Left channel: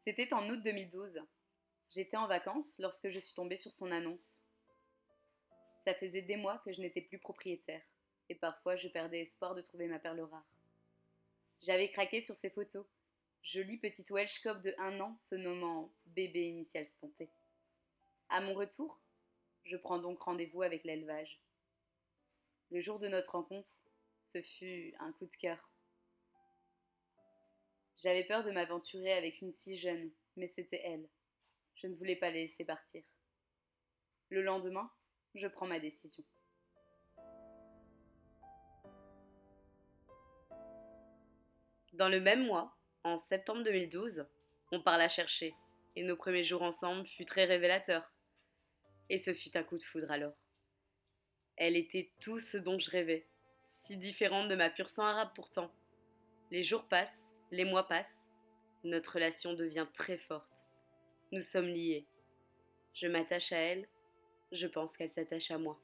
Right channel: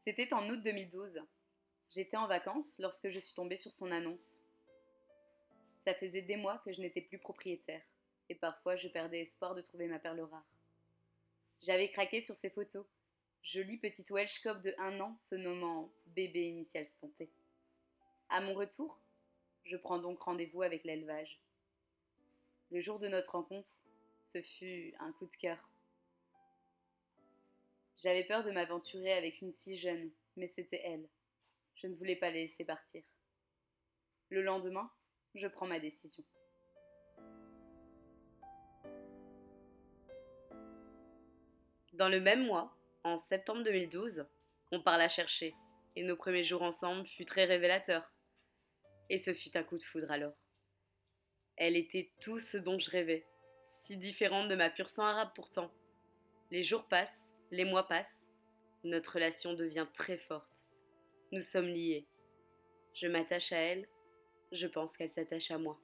C'était en août 2012. J'étais en vacances lorsque je suis tombée sur son annonce. Ça faisait des mois que je n'étais plus propriétaire, et parfois je perdais espoir de trouver ma perle rare. J'avais craqué sur ses photos, jolie petite Welsh Cob de 1 an se nommant Bébé Initial Sponté. À mon retour, je prends donc rendez-vous avec l'élevage. Le jour de notre rencontre, ce fut un coup de cœur. J'avais peur de m'aventurer avec une si jeune, mais c'était elle. Je ne voulais pas la laisser partir. Le lendemain, je prends ma décision. Dans le même mois, en septembre 2012, on part la chercher, et nos premiers jours ensemble furent très révélateurs. Et ce fut un coup de foudre alors. Elle était tout ce dont je rêvais, si différente de ma pur sang arabe pourtant. Les jours passent, les mois passent, notre relation devient très forte. Nous sommes liés. Je m'attache à elle, je pense qu'elle s'attache à moi.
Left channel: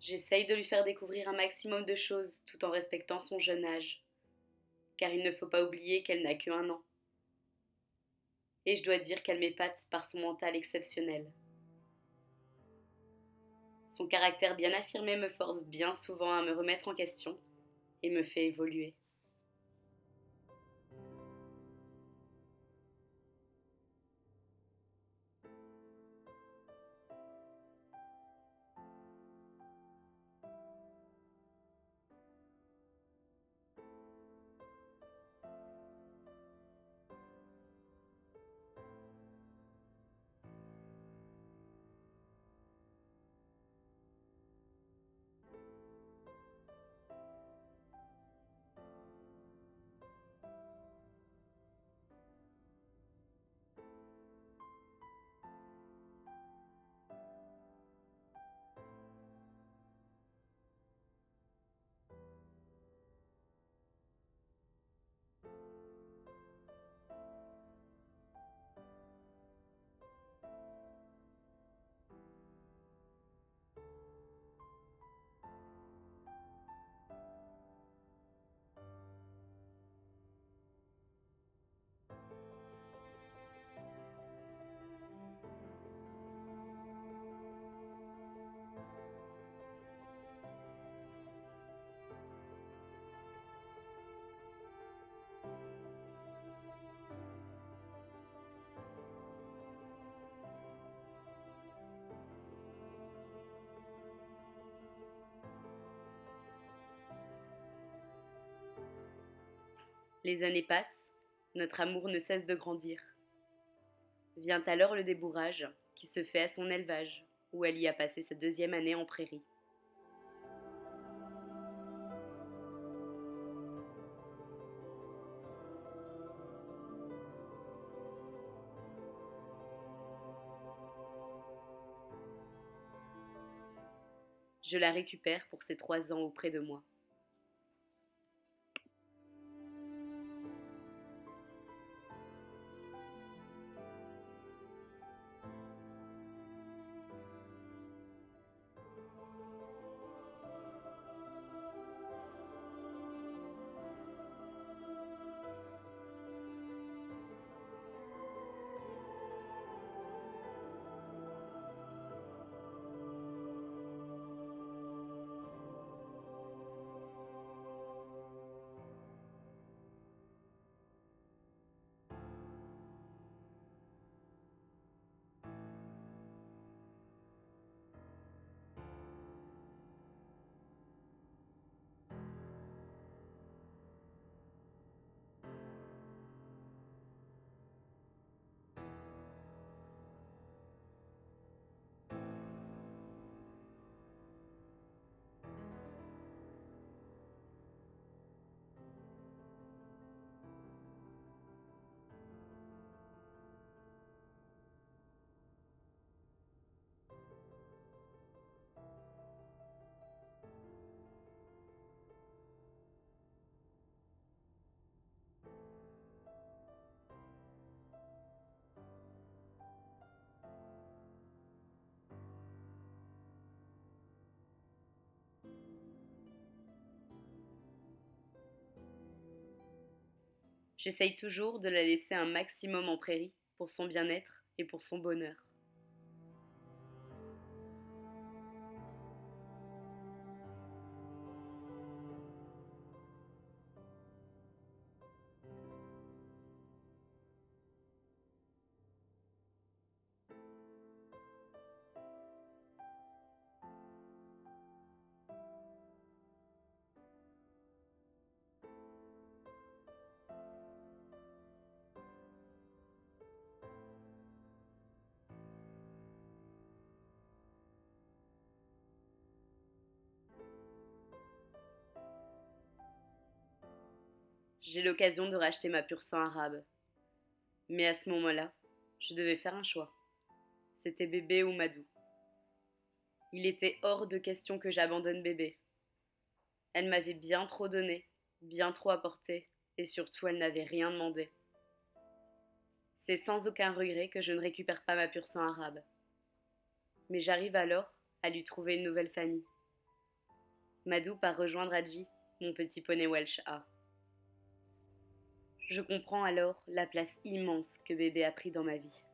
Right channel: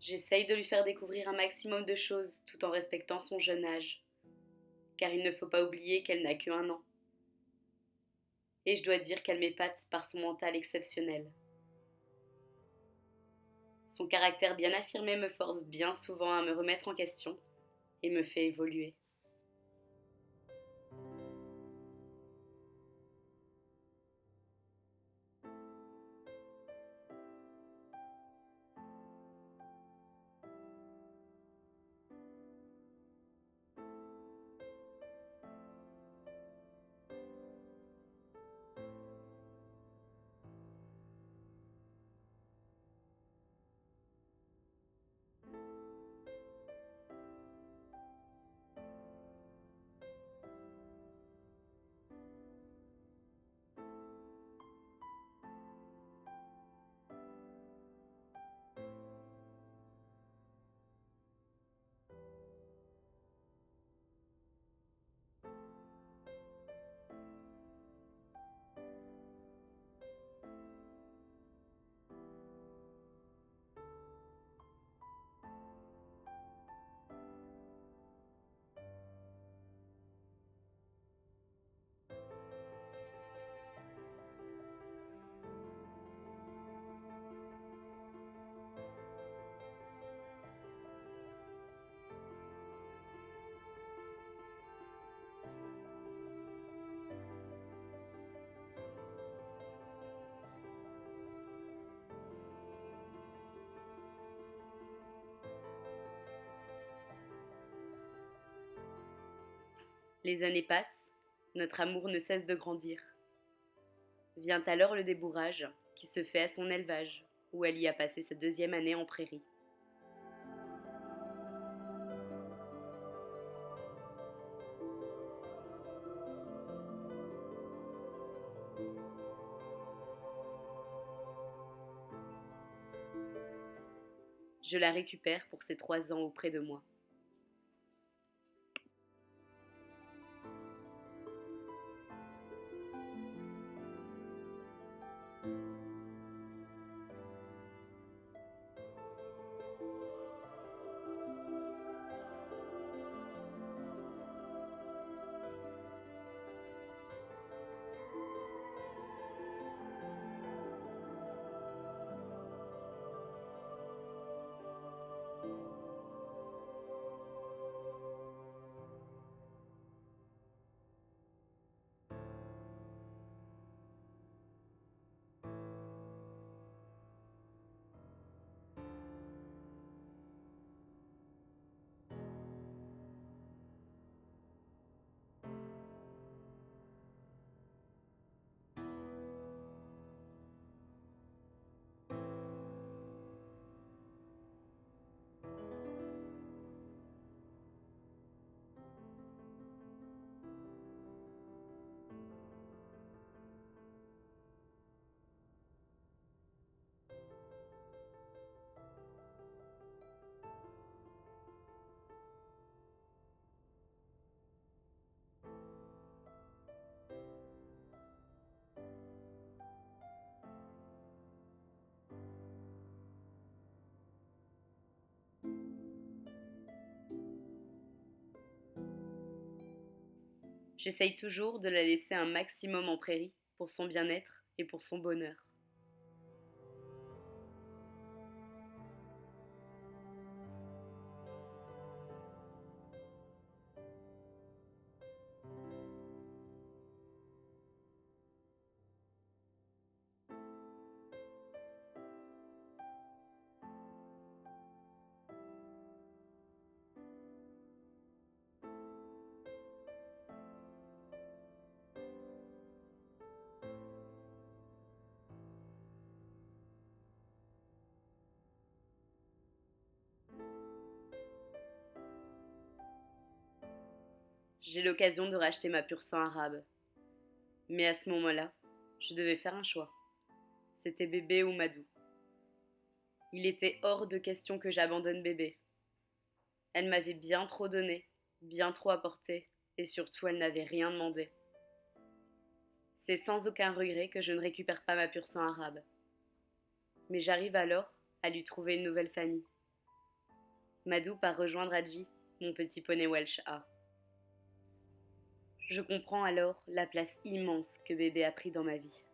J'essaye de lui faire découvrir un maximum de choses tout en respectant son jeune âge, car il ne faut pas oublier qu'elle n'a que 1 an. Et je dois dire qu'elle m'épate par son mental exceptionnel. Son caractère bien affirmé me force bien souvent à me remettre en question et me fait évoluer. Les années passent, notre amour ne cesse de grandir. Vient alors le débourrage, qui se fait à son élevage, où elle y a passé sa 2e année en prairie. Je la récupère pour ses 3 ans auprès de moi. J'essaye toujours de la laisser un maximum en prairie, pour son bien-être et pour son bonheur. J'ai l'occasion de racheter ma pur sang arabe. Mais à ce moment-là, je devais faire un choix. C'était bébé ou Madou. Il était hors de question que j'abandonne bébé. Elle m'avait bien trop donné, bien trop apporté, et surtout elle n'avait rien demandé. C'est sans aucun regret que je ne récupère pas ma pur sang arabe. Mais j'arrive alors à lui trouver une nouvelle famille. Madou part rejoindre Hadji, mon petit poney Welsh A. Je comprends alors la place immense que bébé a pris dans ma vie.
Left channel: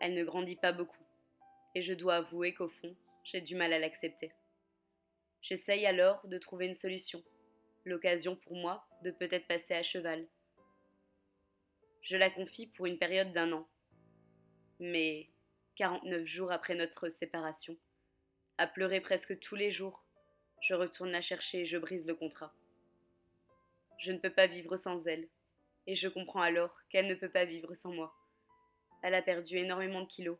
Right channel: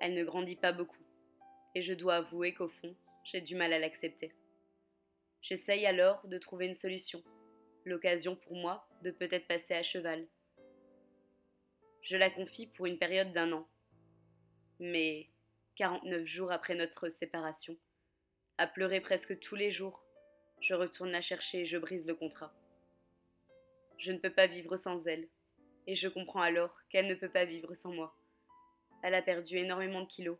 Elle ne grandit pas beaucoup, et je dois avouer qu'au fond, j'ai du mal à l'accepter. J'essaye alors de trouver une solution, l'occasion pour moi de peut-être passer à cheval. Je la confie pour une période d'1 an, mais 49 jours après notre séparation, à pleurer presque tous les jours, je retourne la chercher et je brise le contrat. Je ne peux pas vivre sans elle, et je comprends alors qu'elle ne peut pas vivre sans moi. Elle a perdu énormément de kilos,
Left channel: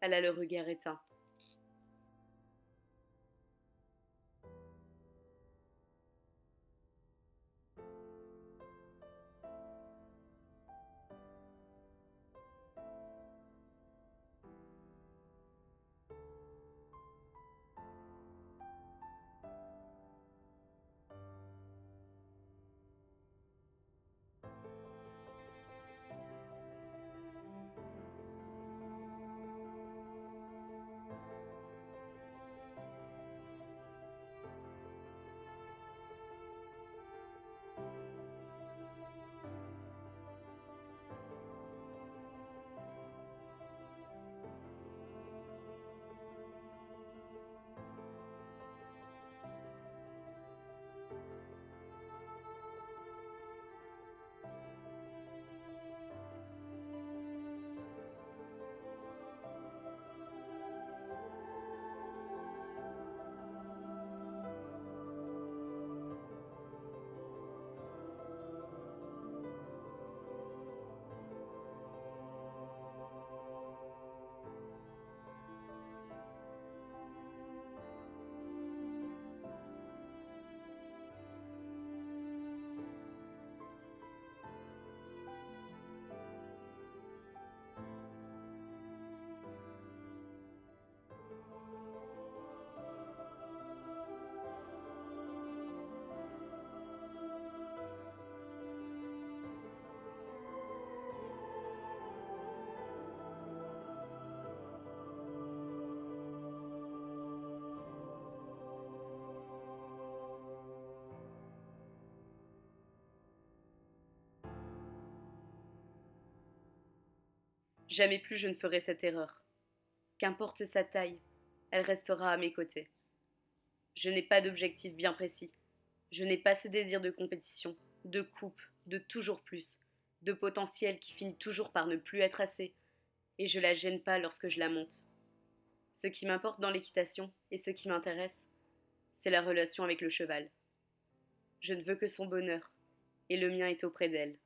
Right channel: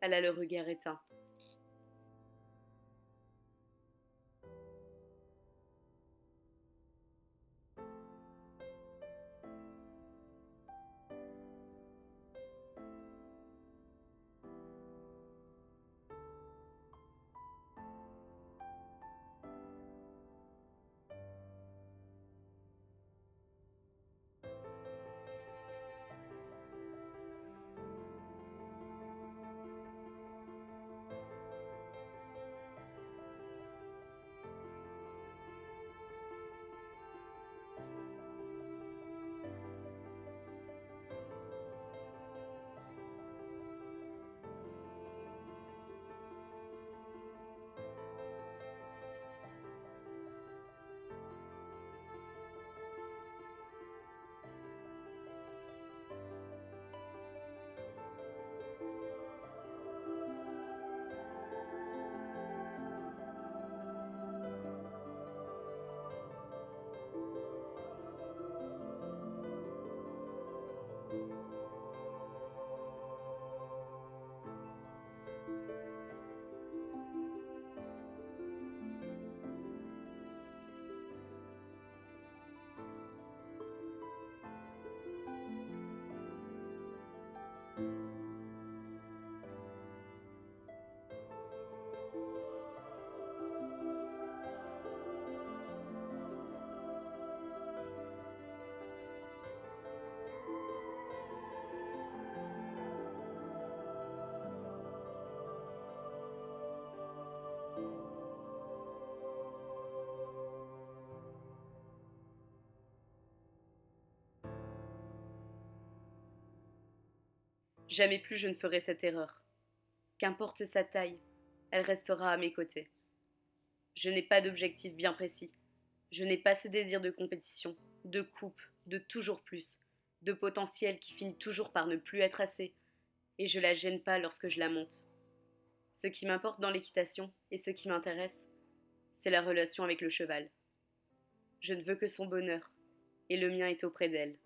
elle a le regard éteint. Jamais plus je ne ferai cette erreur. Qu'importe sa taille, elle restera à mes côtés. Je n'ai pas d'objectif bien précis. Je n'ai pas ce désir de compétition, de coupe, de toujours plus, de potentiel qui finit toujours par ne plus être assez, et je la gêne pas lorsque je la monte. Ce qui m'importe dans l'équitation, et ce qui m'intéresse, c'est la relation avec le cheval. Je ne veux que son bonheur, et le mien est auprès d'elle.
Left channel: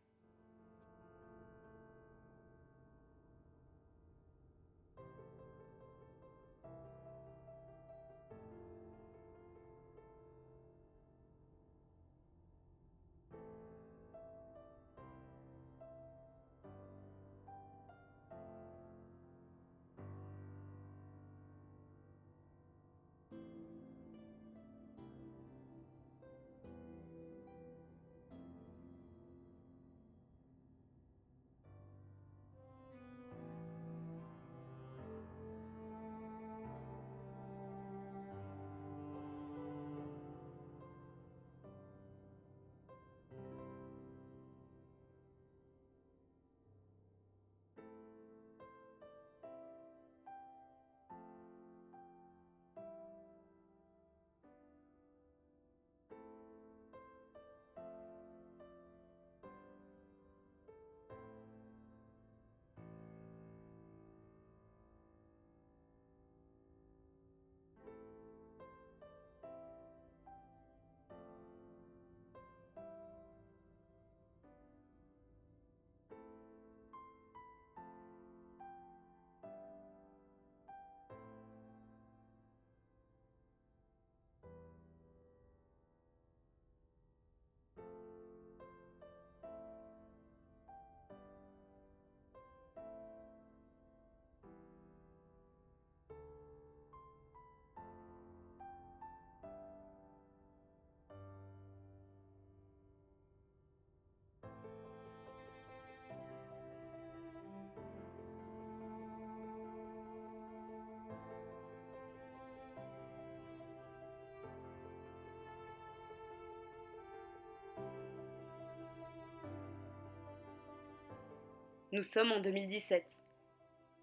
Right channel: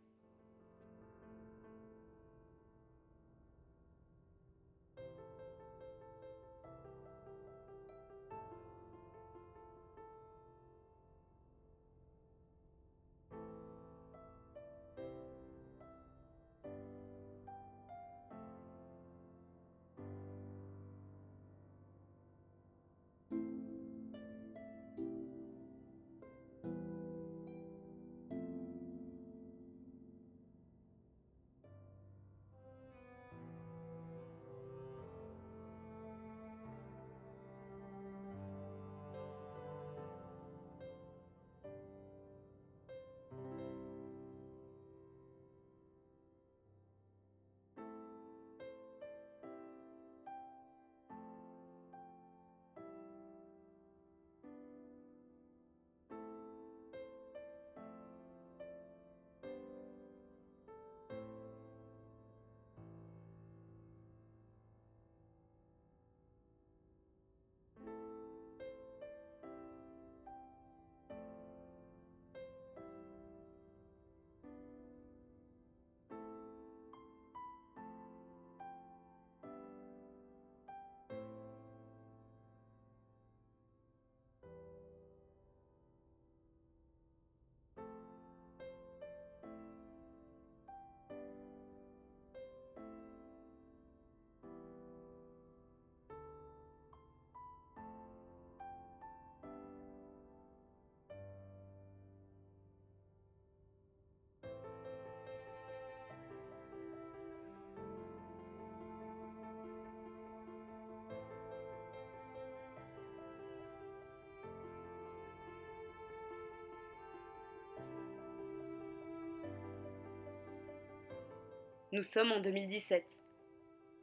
Nous sommes en 2017,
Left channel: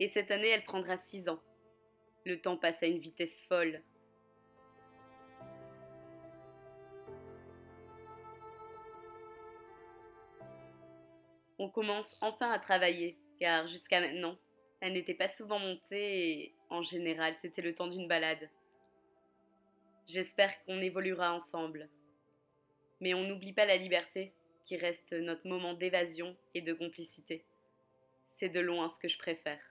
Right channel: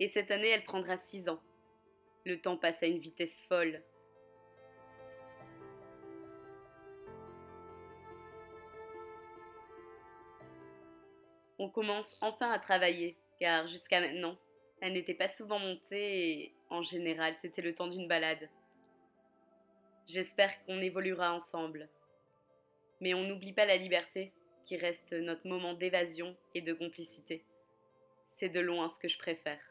Et cette année, elle prendra 6 ans. Le temps passe à une vitesse folle. On commence enfin à travailler, car jusqu'à maintenant, elle n'était pas souvent montée et, en général, c'était le temps d'une balade. J'espère qu'on évoluera ensemble. Mais on n'oublie pas la liberté, qui reste notre moment d'évasion et de complicité. C'est de loin ce que je préfère.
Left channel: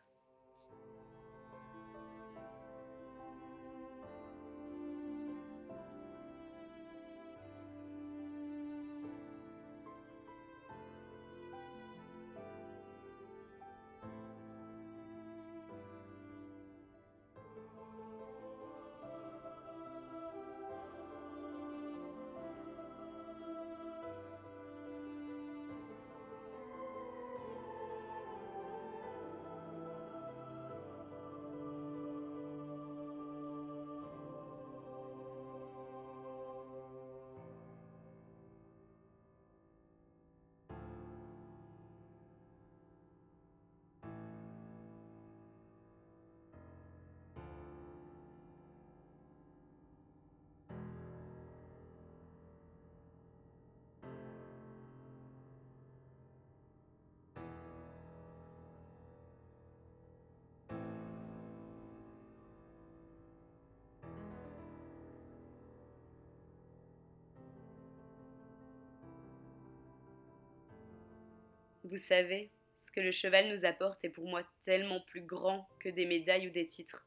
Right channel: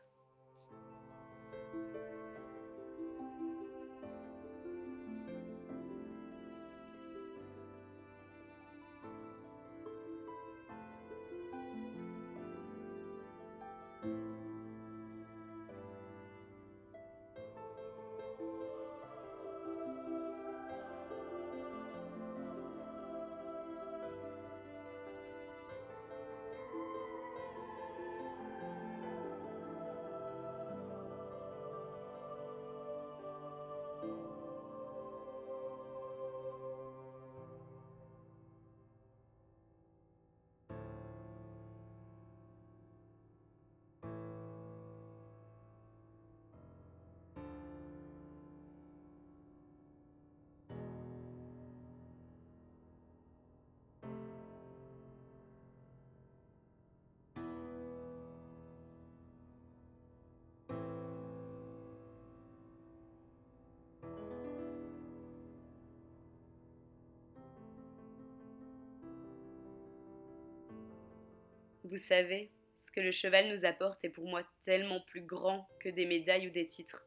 Vous savez, ce que le cheval nous apporte est pour moi tellement plus grand que des médailles ou des titres.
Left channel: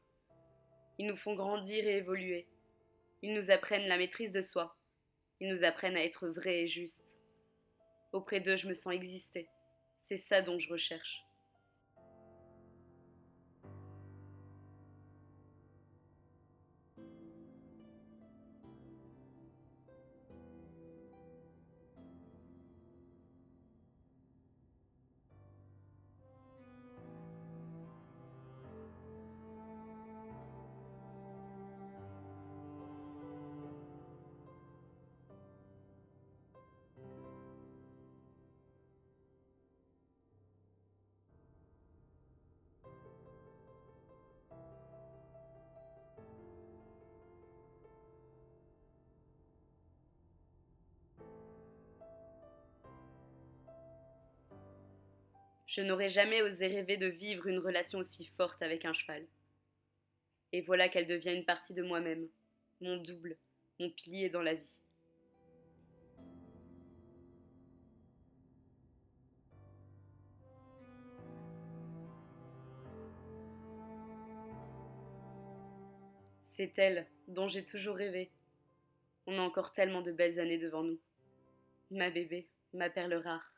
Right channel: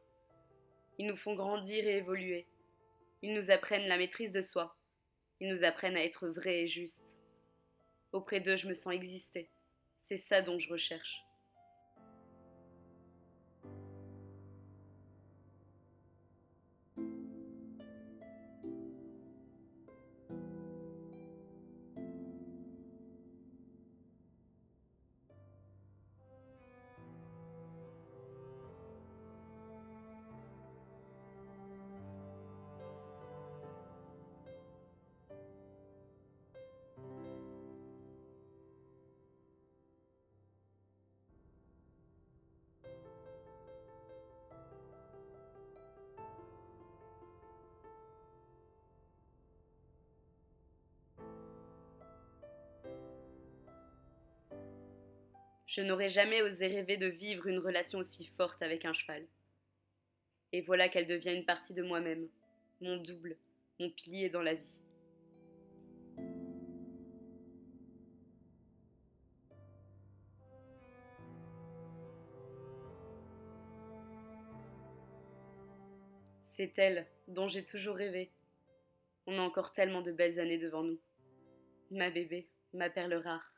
Ils nous font grandir et évoluer. Ils nous apprennent la maîtrise de soi. Ils nous apprennent à être vrais et justes. Auprès d'eux, je me sens exister. C'est ça dont je recherche. Je n'aurais jamais osé rêver de vivre une relation aussi forte avec un cheval. Et voilà qu'elle devient une partie de moi-même, mon double, mon pilier dans la vie. C'est elle dont j'ai toujours rêvé. On a encore tellement de belles années devant nous. Ma bébé, ma perle rare.